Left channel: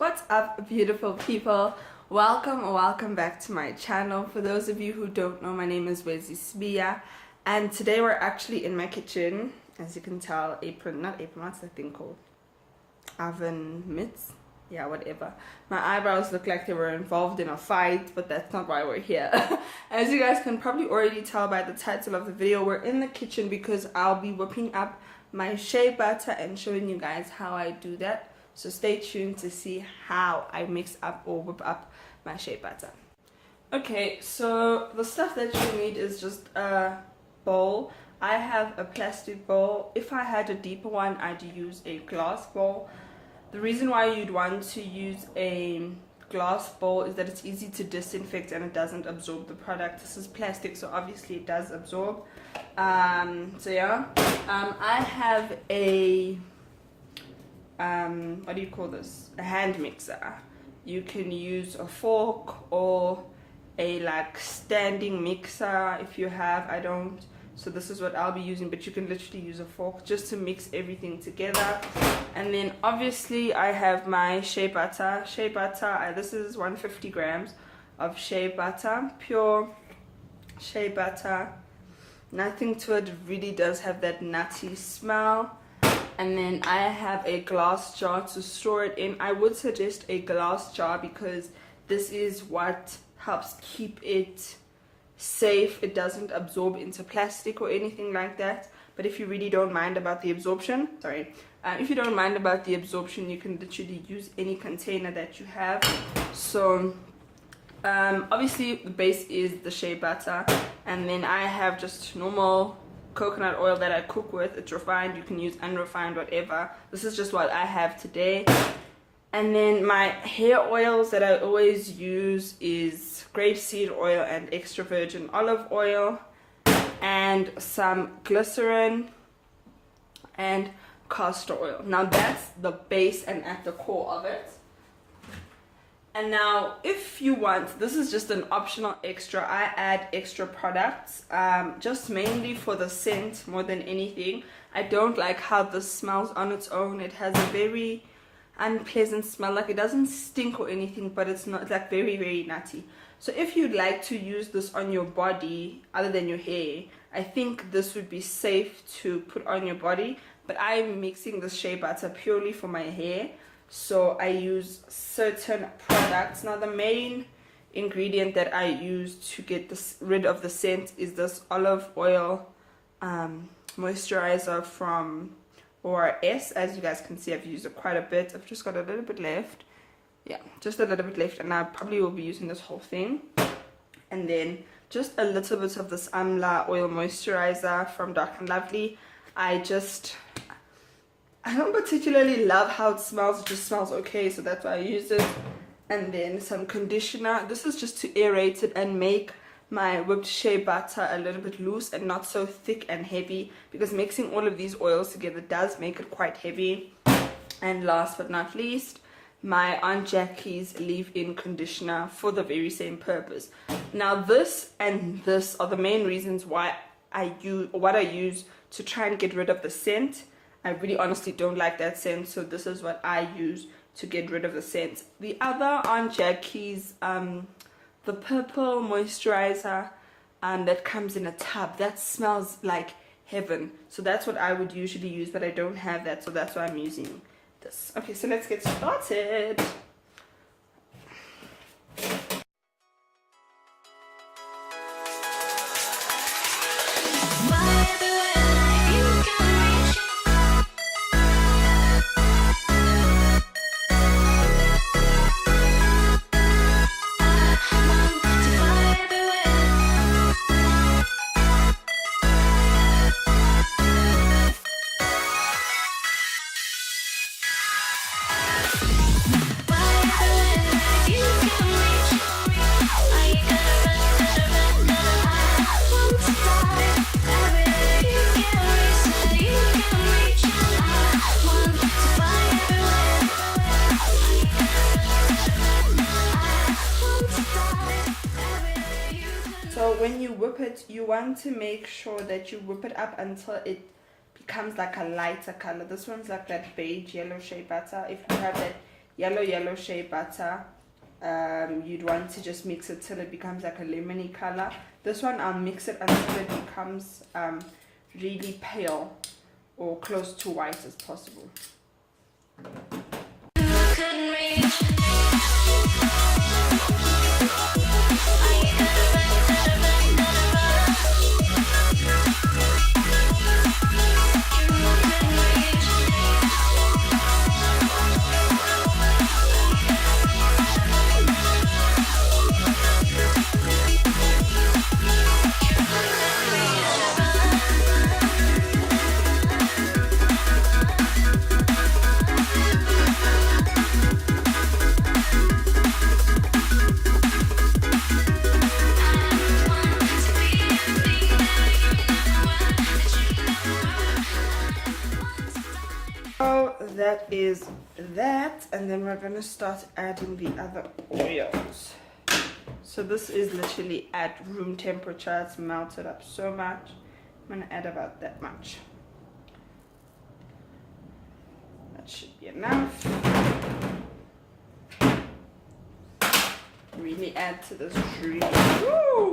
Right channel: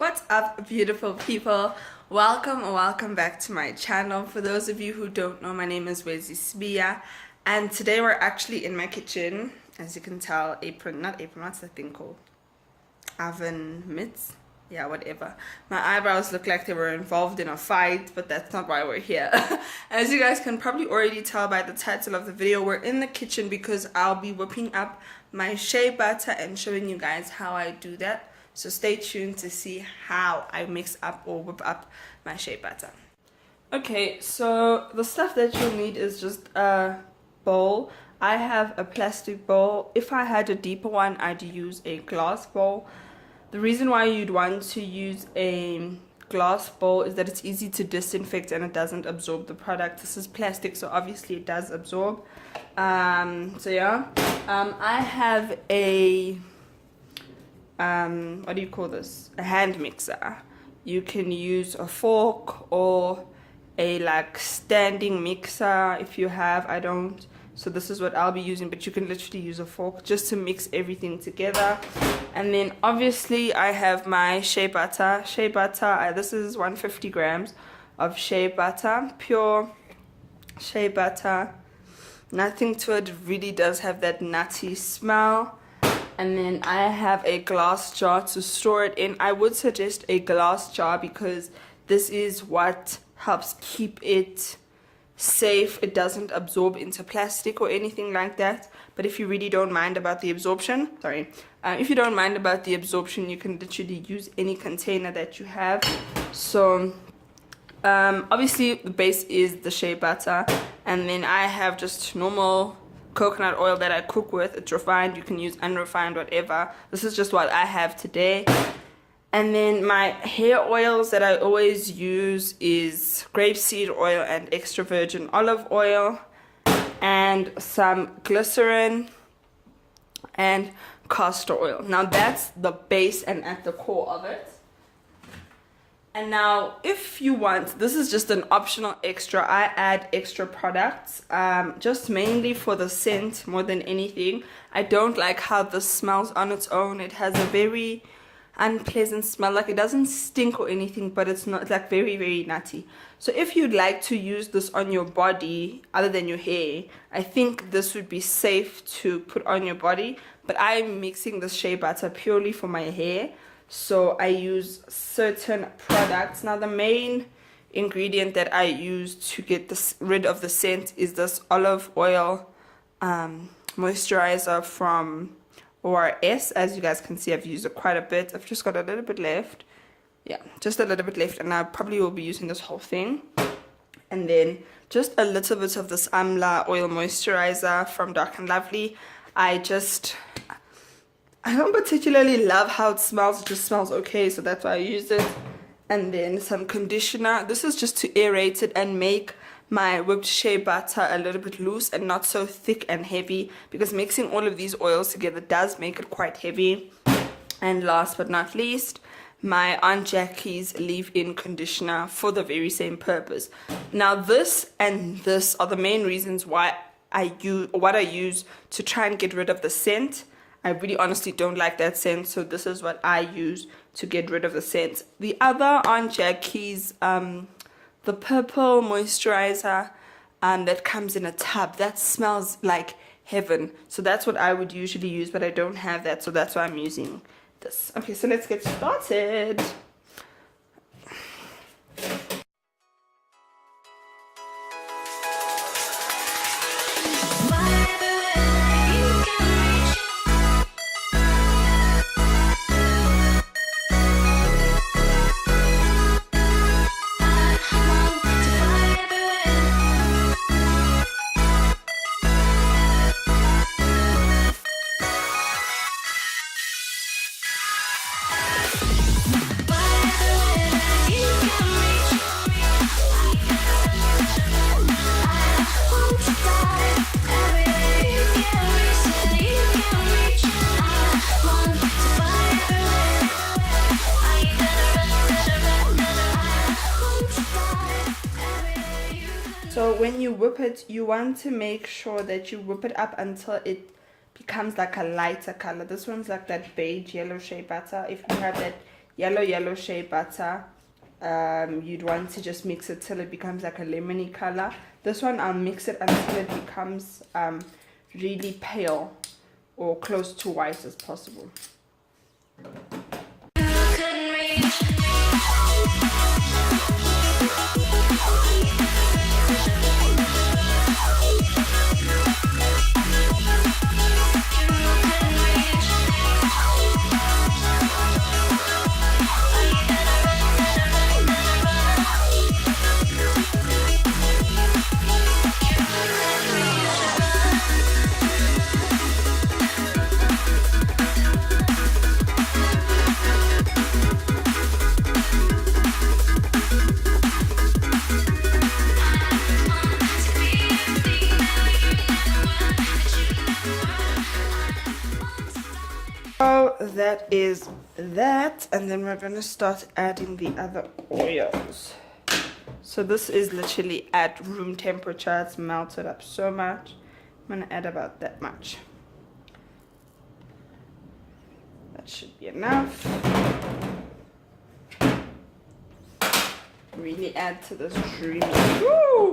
What's up, beautiful people? Welcome back to my channel. For those of you who don't know, my name is Wezi Sibiya, and today we're actually in my kitchen. As you can tell, what's that thing called? Oven mitts? Yeah, whatever. My eyebrows look like they were involved in a fight, but that's not why we're here. As you guys can probably already tell by the title of the video, we're in the kitchen because I'll be whipping up my shea butter and showing you guys how I do that. So stay tuned to see how I mix up or whip up my shea butter. Okay, so the stuff that you need is just a bowl. I have a plastic bowl. If I had a deeper one, I'd use a glass bowl. The reason why you'd want to use a glass bowl is that it's easy to disinfect and it doesn't absorb the product. This is plastic, so obviously it does absorb. I have a what do you call this? A hand mixer. You can use a fork or a like standing mixer if you have. I don't, so this is what I'll be using, but you can literally use a fork just to mix everything together. And then obviously I have my shea butter. This is 150 grams of shea butter, pure shea butter. Nothing to it, really does have that nutty smell. And then I have a glass jar to store it in. I would suggest a glass jar because this is what helps keep it safe. It doesn't absorb into plastic or anything like that. But if you really don't mind about the absorption, if you don't mind about the absorption, you can literally use any container that you have. So obviously the base is the shea butter, and then I have just normal coconut oil that I cook with. It's refined, you can use unrefined, whatever. This is just what I have today. And then my hair oils that I always use is grapeseed oil and extra virgin olive oil, and some glycerin and castor oil. Now that's the base and at the core of it. And now if you want, this is just an optional extra. I add extra products just mainly for the scent more than anything. I don't like how this smells on its own. It has a very unpleasant smell. Like, it doesn't stink or anything, but it's not, like, very, very nutty. So if you'd like to use this on your body other than your hair, I think this would be safe to put on your body. But I'm mixing this shea butter purely for my hair, so I use certain products. Now the main ingredient that I use to get rid of the scent is this olive oil moisturizer from ORS. As you guys can see, I've used it quite a bit. I've just got a little bit left. Yeah, just a little bit left, and I probably will be using this whole thing. And then just a little bit of this Amla oil moisturizer from Dark and Lovely. I don't particularly love how it smells. It just smells okay, so that's why I use it. And then some conditioner. This is just to aerate it and make my whipped shea butter a little bit loose and not so thick and heavy, because mixing all of these oils together does make it quite heavy. And last but not least, my Aunt Jackie's leave-in conditioner for the very same purpose. Now this and this are the main reasons why I use to try and get rid of the scent. I really honestly don't like that scent, so this is what I use to get rid of the scent. The other Aunt Jackie's, the purple moisturizer that comes in a tub, that smells like heaven. So that's what I would usually use, but I don't have that, so that's why I'm using this. Okay, so let's get started. So when you whip it, you want to make sure that you whip it up until it becomes like a lighter color. This one's like that beige yellow shea butter. If you have that yellow shea butter. You'd want to just mix it till it becomes like a lemony color. This one I'll mix it until it becomes really pale or close to white as possible. That is that, and then we're going to start adding the other oils. So this is literally at room temperature. It's melted up so much. I'm going to add about that much. That should be enough. Really add to this dreamy. Woo!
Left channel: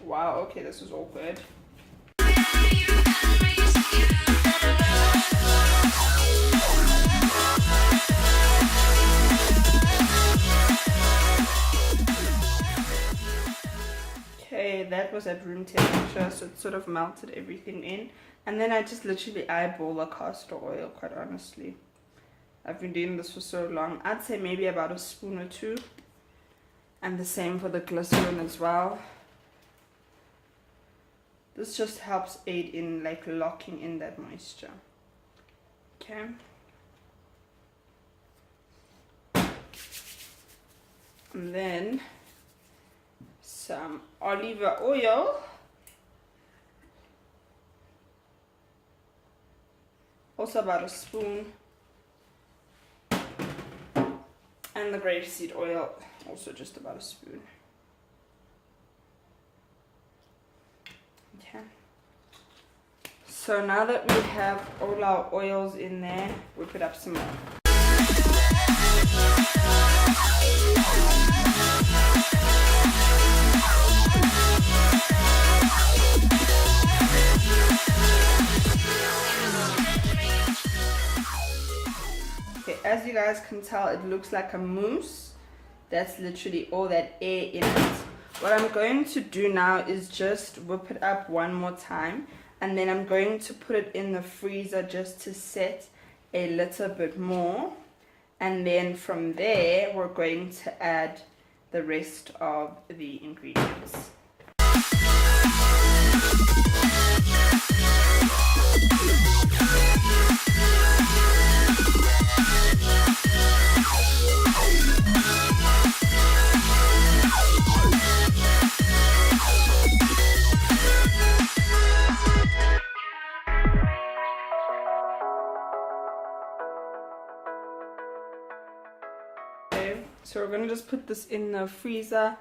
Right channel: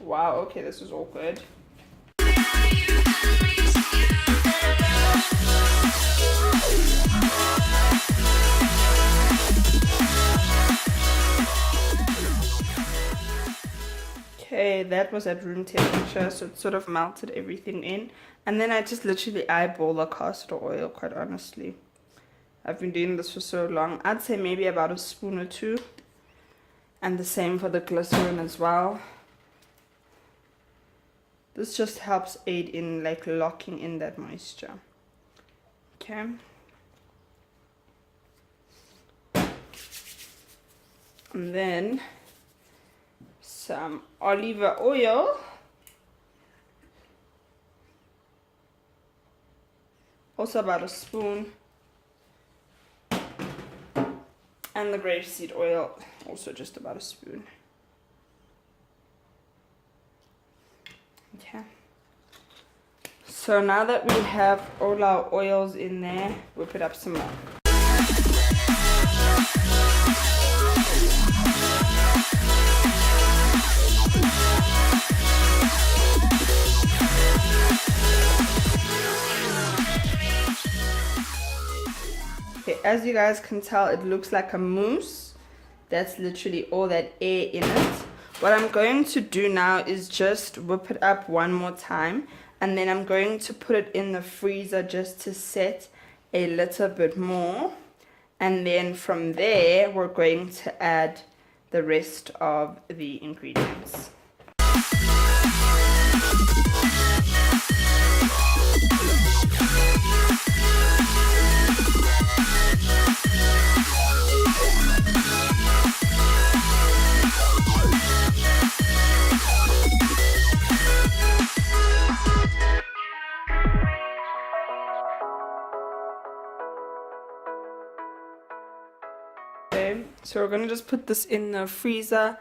Wow, okay, this is all good. Okay, that was at room temperature, so it sort of melted everything in. And then I just literally eyeball the castor oil, quite honestly. I've been doing this for so long. I'd say maybe about a spoon or two. And the same for the glycerin as well. This just helps aid in like locking in that moisture. Okay. And then some olive oil. Also about a spoon. And the grapeseed oil, also just about a spoon. Okay. So now that we have all our oils in there, we'll put up some more. Okay, as you guys can tell, it looks like a mousse. That's literally all that air in it. What I'm going to do now is just whip it up one more time, and then I'm going to put it in the freezer just to set a little bit more, and then from there we're going to add the rest of the ingredients. So we're going to just put this in the freezer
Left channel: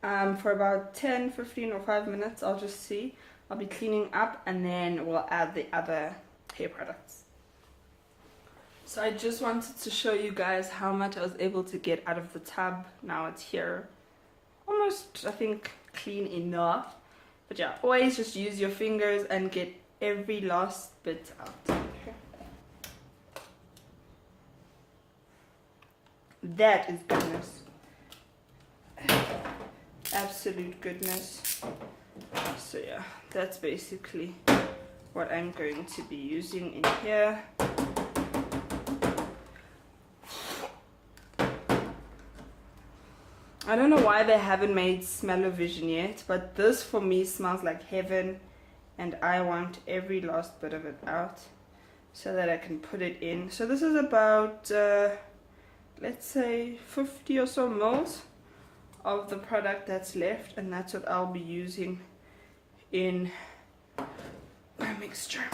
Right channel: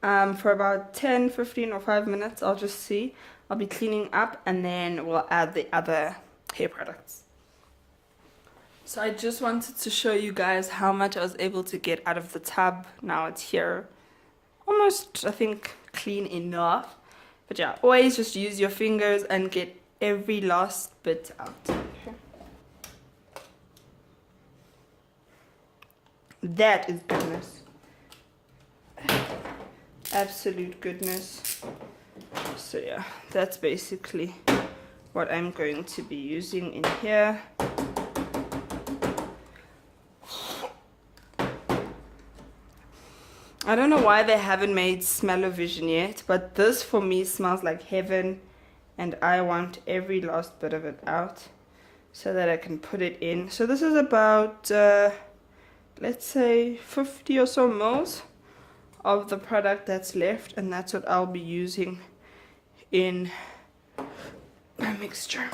for about 10, 15 or 5 minutes. I'll just see. I'll be cleaning up and then we'll add the other hair products. So I just wanted to show you guys how much I was able to get out of the tub. Now it's here. Almost, I think, clean enough. But yeah, always just use your fingers and get every last bit out. That is goodness. Absolute goodness. So yeah, that's basically what I'm going to be using in here. I don't know why they haven't made smell-o-vision yet, but this for me smells like heaven, and I want every last bit of it out so that I can put it in. So this is about let's say 50 or so mils of the product that's left, and that's what I'll be using in my mixture.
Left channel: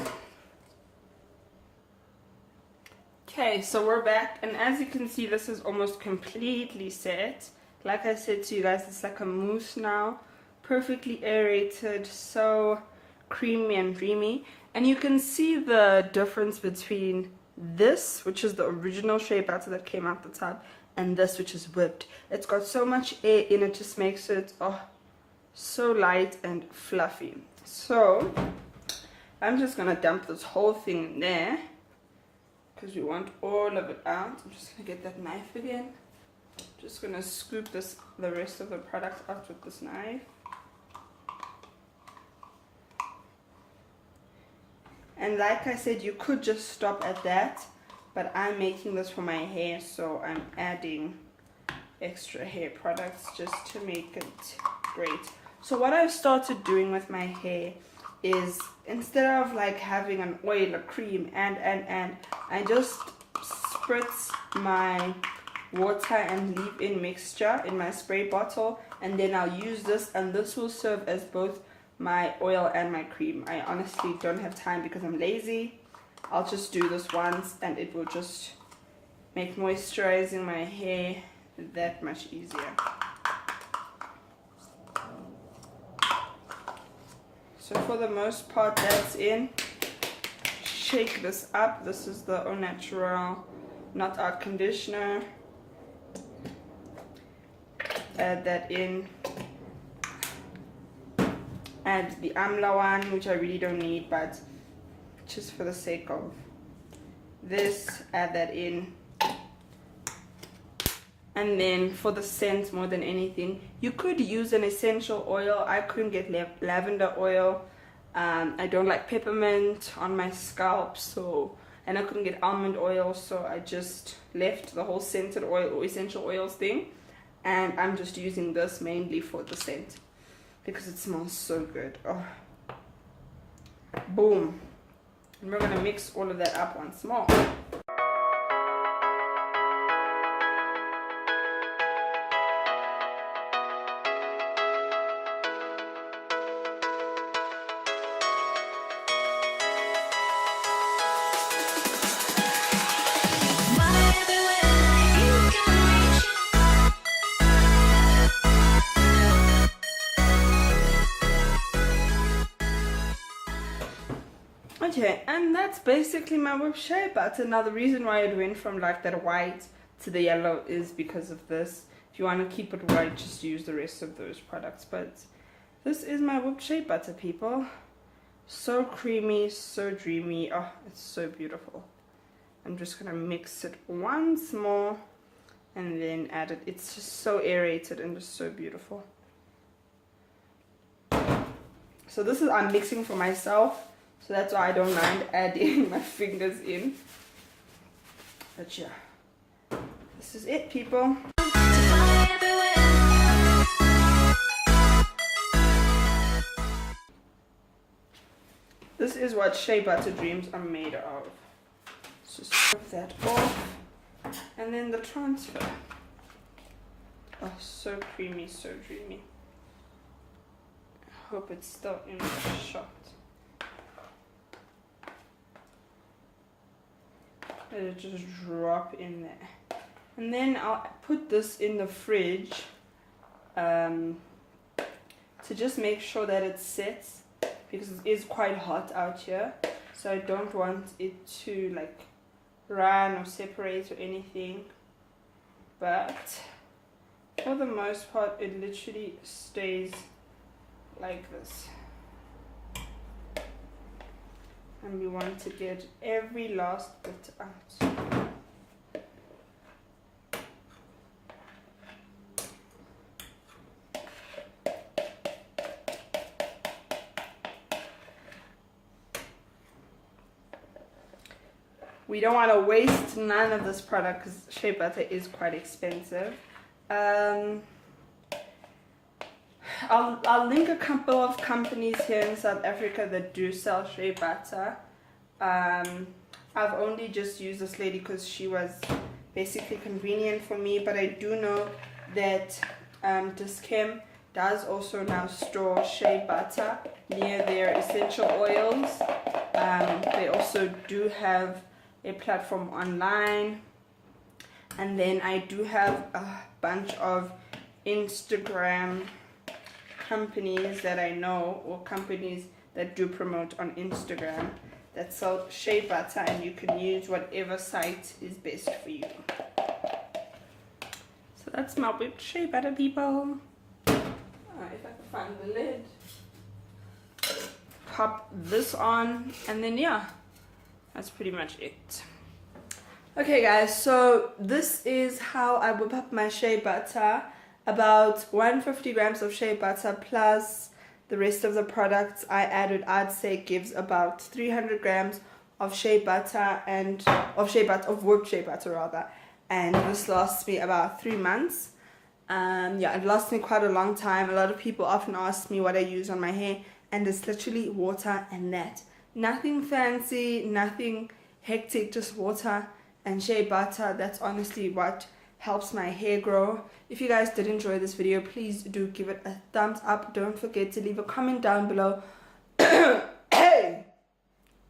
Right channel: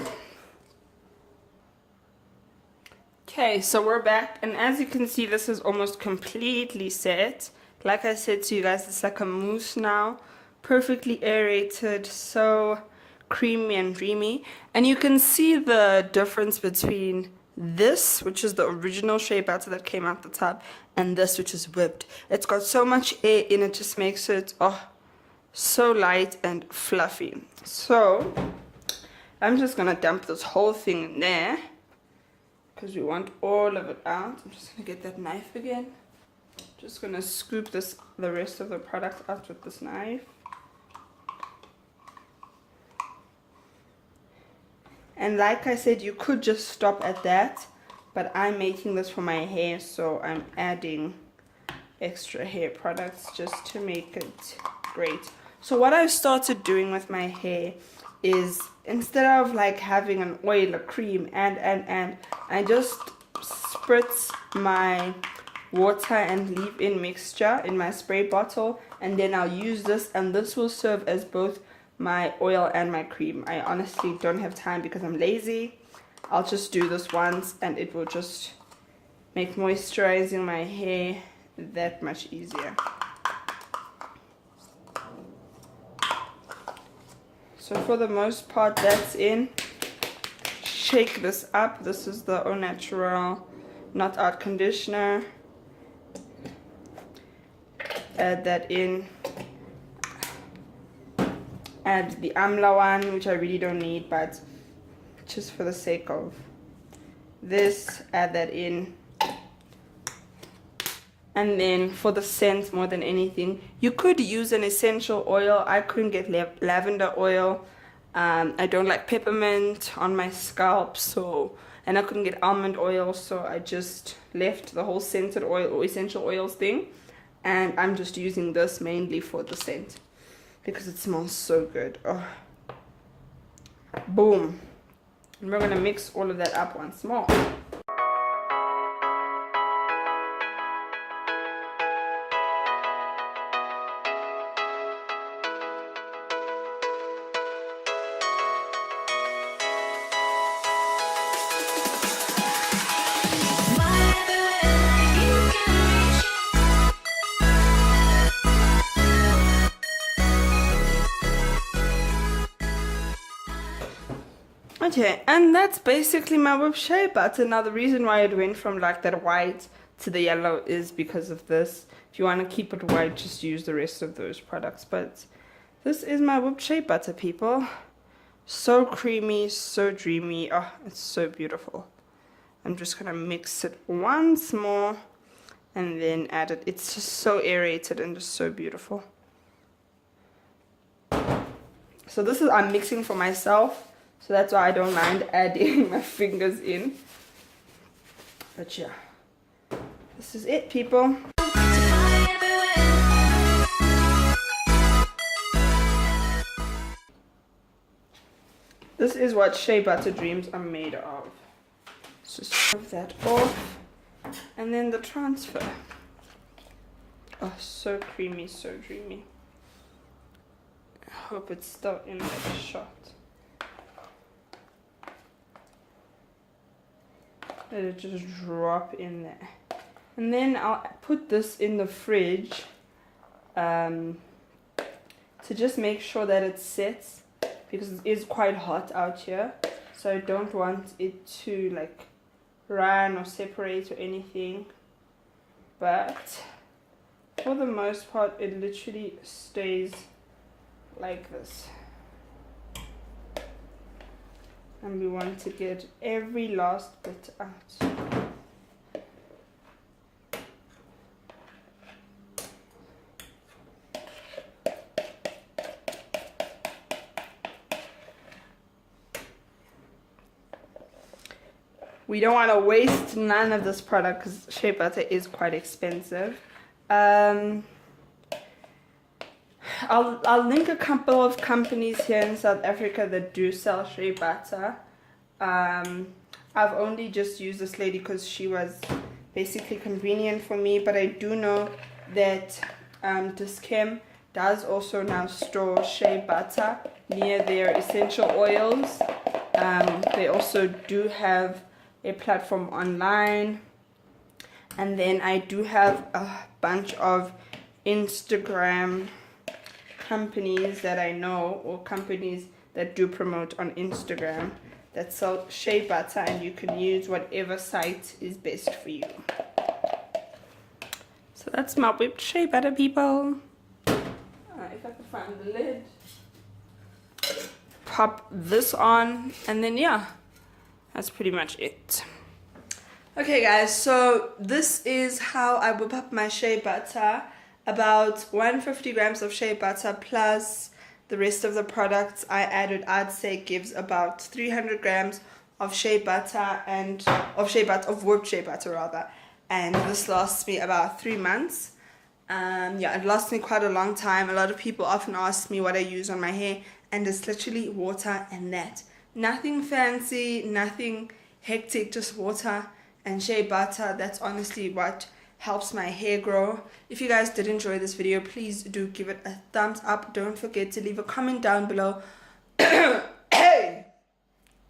Okay, so we're back, and as you can see, this is almost completely set. Like I said to you guys, it's like a mousse now, perfectly aerated, so creamy and dreamy. And you can see the difference between this, which is the original shea butter that came out the tub, and this, which is whipped. It's got so much air in it, just makes it so light and fluffy. So I'm just gonna dump this whole thing in there because we want all of it out. I'm just gonna get that knife again. Just gonna scoop the rest of the product out with this knife. And like I said, you could just stop at that, but I'm making this for my hair, so I'm adding extra hair products just to make it great. So what I've started doing with my hair is, instead of like having an oil, a cream, and I just spritz my water and leave-in mixture in my spray bottle, and then I'll use this, and this will serve as both my oil and my cream. I honestly don't have time because I'm lazy. I'll just do this once and it will just make moisturizing my hair that much easier. So for the most part, that's in. Shake this up. This is the Au Natural Not Out conditioner. Add that in. Add the Amla one, which I really don't need, but just for the sake of this, add that in. And then for the scent, more than anything, you could use an essential oil. I couldn't get lavender oil. I don't like peppermint on my scalp, and I couldn't get almond oil, so I just left the whole scented oil or essential oils thing, and I'm just using this mainly for the scent because it smells so good. Oh. Boom. And we're gonna mix all of that up once more. Okay, and that's basically my Whipped Shea Butter. Now the reason why it went from like that white to the yellow is because of this. If you want to keep it white, just use the rest of those products. But this is my Whipped Shea Butter, people. So creamy, so dreamy. Oh, it's so beautiful. I'm just gonna mix it once more and then add it. It's just so aerated and just so beautiful. So this is, I'm mixing for myself, so that's why I don't mind adding my fingers in. But yeah, this is it, people. This is what shea butter dreams are made of. So scrub that off, and then the transfer. Oh, so creamy, so dreamy. I hope it's still in the shot. Let it just drop in there. And then I'll put this in the fridge to just make sure that it sets, because it is quite hot out here. So I don't want it to like run or separate or anything. But for the most part, it literally stays like this. And we want to get every last bit out. We don't want to waste none of this product because shea butter is quite expensive. I'll link a couple of companies here in South Africa that do sell shea butter. I've only just used this lady because she was basically convenient for me, but I do know that Dis-Chem does also now store shea butter near their essential oils. They also do have a platform online, and then I do have a bunch of Instagram companies that I know, or companies that do promote on Instagram, that sell shea butter, and you can use whatever site is best for you. So that's my whipped shea butter, people. If I can find the lid, pop this on, and then yeah, that's pretty much it. Okay guys, so this is how I whip up my shea butter. About 150 grams of shea butter plus the rest of the products I added, I'd say gives about 300 grams of shea butter and of whipped shea butter rather. And this lasts me about 3 months. Yeah, it lasts me quite a long time. A lot of people often ask me what I use on my hair, and it's literally water and that. Nothing fancy, nothing hectic, just water and shea butter. That's honestly what helps my hair grow. If you guys did enjoy this video, please do give it a thumbs up. Don't forget to leave a comment down below. Hey!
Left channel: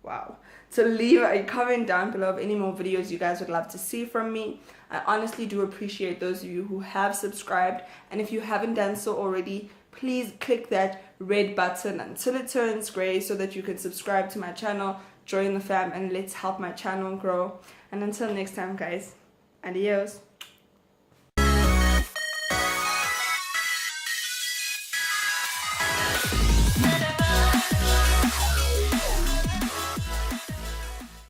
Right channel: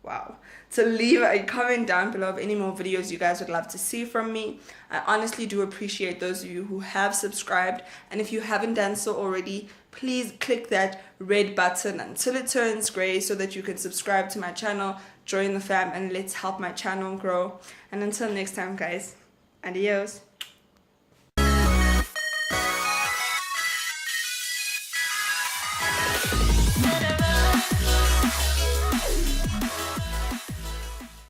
Wow. So leave a comment down below of any more videos you guys would love to see from me. I honestly do appreciate those of you who have subscribed, and if you haven't done so already, please click that red button until it turns gray so that you can subscribe to my channel, join the fam, and let's help my channel grow. And until next time guys, adios.